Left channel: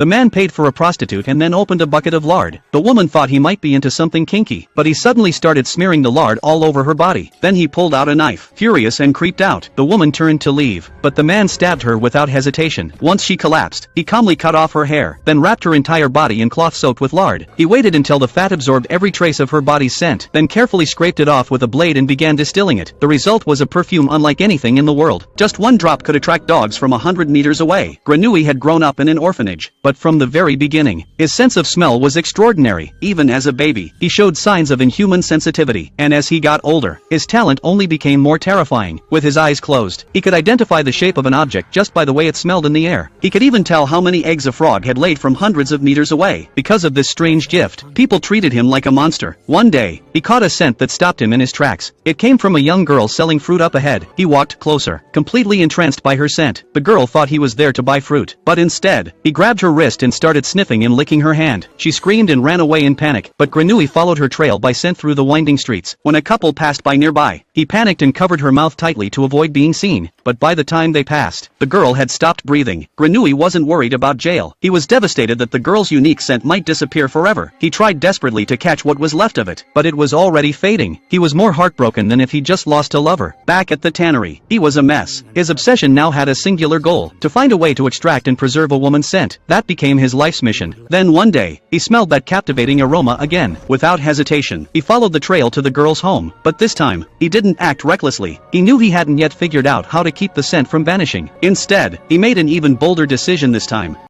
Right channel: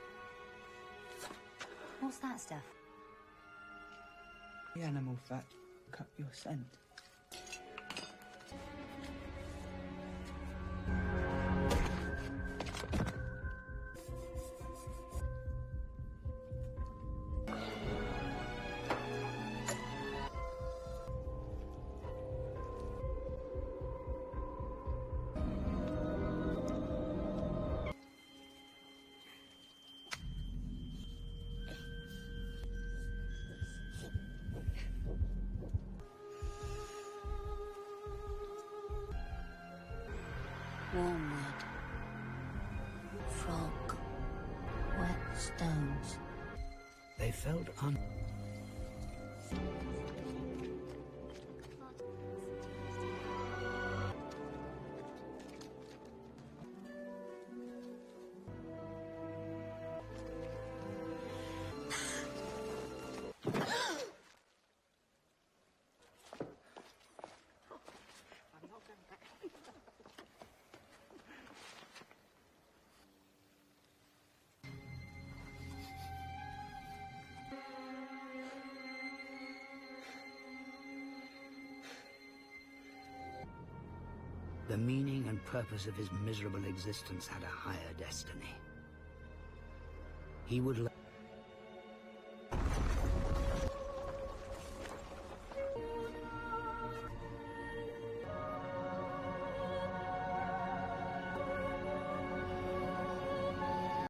The man paid for a prostitute and then opened a bucket of lard. The woman thought he might be into something kinky, but he suddenly started smearing the lard all over her body. Then he pulled out a knife. Furious and creeped out, the woman turned to leave, but the man stabbed her without hesitation. Once she collapsed, he calmly cut off her hair, then wrapped her entire body in cloth soaked with lard. He waited until the fat absorbed every trace of her body's scent, then carefully scraped it off with a blade and began distilling it. The result was a perfume unlike anything in the world. Just one drop could attract dogs from 100 meters away. Granui had grown up in an orphanage, but from the very beginning, his sense of smell was extraordinary. Even as a baby, he showed signs of inhuman sensitivity, and as he got older, his talent only became more terrifying. With his eyes closed, he could identify the shape of an object just by the way it smelled in the air. He could even tell how many eggs a frog had laid from hundreds of meters away. Because of this strange gift, people treated him like a monster. One day, he caught a scent that stopped him in his tracks. It came from a young girl selling fruit up ahead. He walked closer, completely entranced by her scent. The girl thought he was there to buy fruit, but instead, he grabbed her wrist and started sniffing and licking her hand. She screamed and ran away in panic, but Granui followed her trail by scent through the winding streets. When a couple passed by nearby, he panicked and covered her mouth tightly to avoid being seen, but by the time they passed, the girl had stopped breathing. Granui wasn't worried about jail. He was devastated that the girl's unique scent might disappear forever. He tried desperately to catch what was left of it, but it was already fading. He was more heartbroken than if he'd just lost a lover. Back at the tannery, he was a mess. His obsession now had a singular goal: to find a way to extract and preserve a woman's scent. That became his life's mission. Then one day, he smelled that captivating aroma again. Without hesitation, he followed the trail to the girl's home, but this time, he didn't act recklessly. He knew he hadn't yet figured out how to keep the scent from vanishing. Instead, he made an even bolder decision this time.